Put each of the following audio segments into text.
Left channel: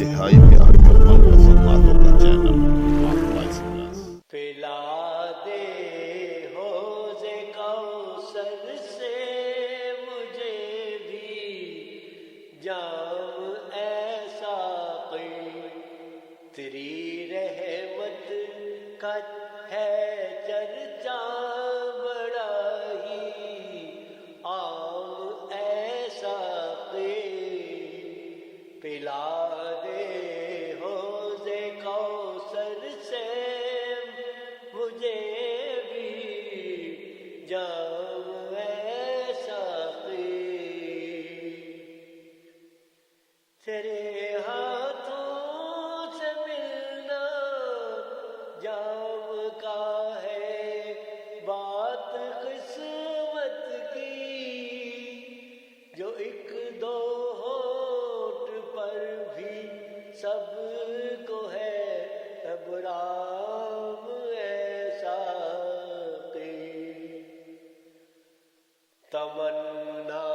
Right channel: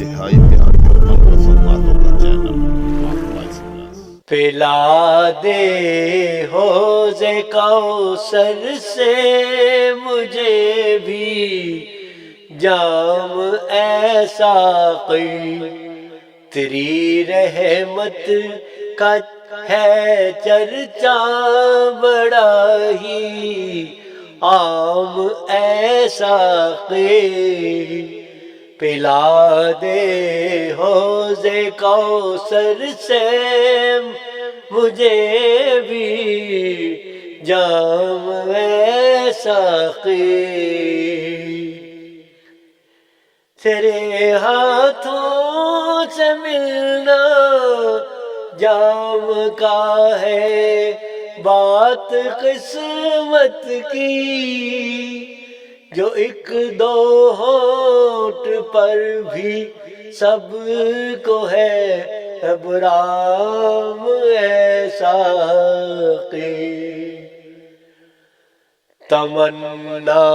انتہائی پیاری اور من پسند باتوں کا چینل آفلا ایکسپریس۔ پلا دے حوض کوثر سے مجھے بھی جام اے ساقی، تیری رحمت کا ہے چرچا بڑا ہی عام اے ساقی، پلا دے حوض کوثر سے مجھے بھی جام اے ساقی، تیرے ہاتھوں سے ملنا جام کا ہے بات قسمت کی، جو ایک دو ہونٹ پر بھی سب کو ہے ابرام اے ساقی، تمنا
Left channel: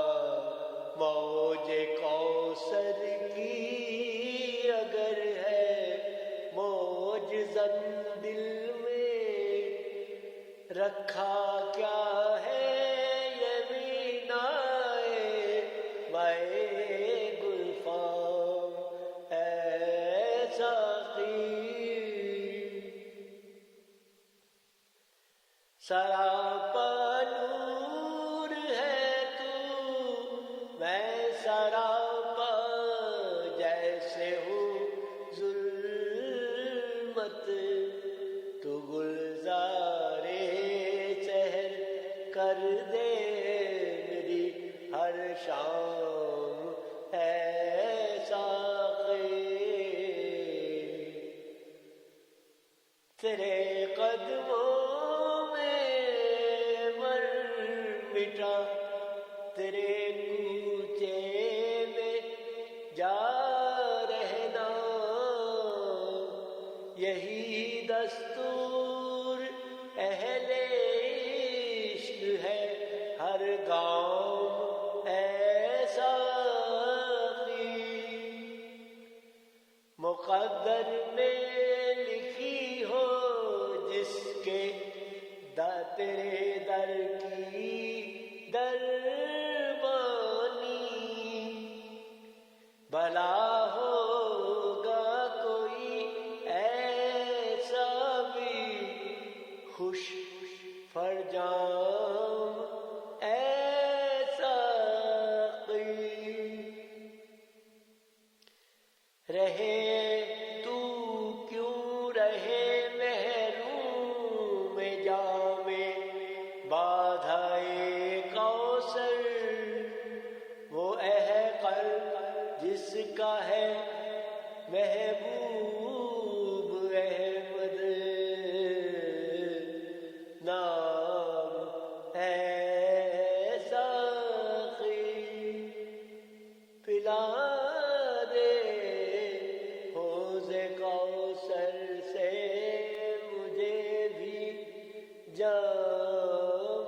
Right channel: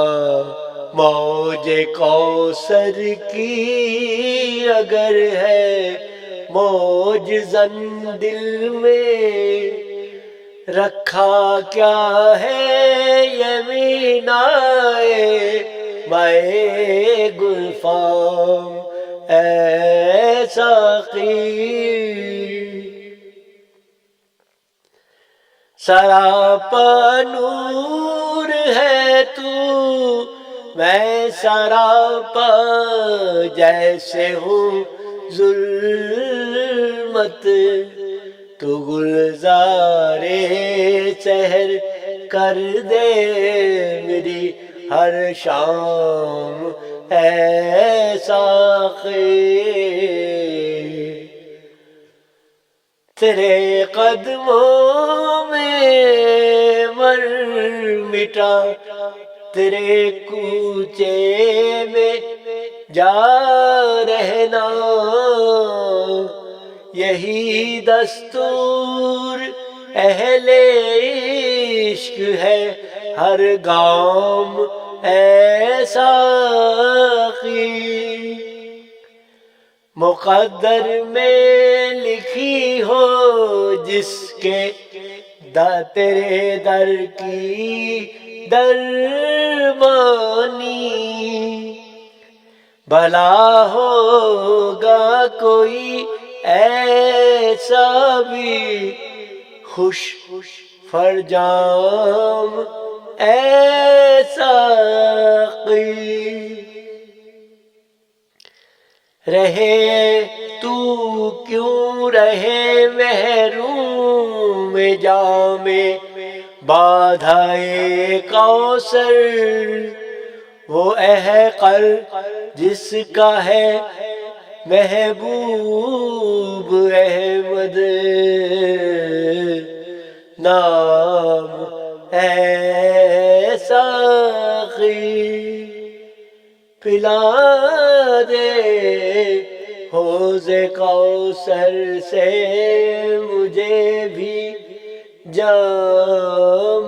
موج کوثر کی اگر ہے موج زن دل میں، رکھا کیا ہے یمینائے مائے گلفام اے ساقی، سراپا نور ہے تو میں سراپا جیسے ہوں ظلمت، تو گلزارِ سحر کر دے میری ہر شام اے ساقی، تیرے قدموں میں مر مٹا تیرے کوچے میں جا رہنا، یہی دستور اہل عشق ہے ہر گام اے ساقی، مقدر میں لکھی ہو جس کے تیرے در کی دربانی، بھلا ہوگا کوئی ایسا بھی خوش فرجام اے ساقی، رہے تو کیوں رہے محروم جام بادھائے کوثر، وہ احقر جس کا ہے محبوب احمد نام اے ساقی، پلا دے حوض کوثر سے مجھے بھی جام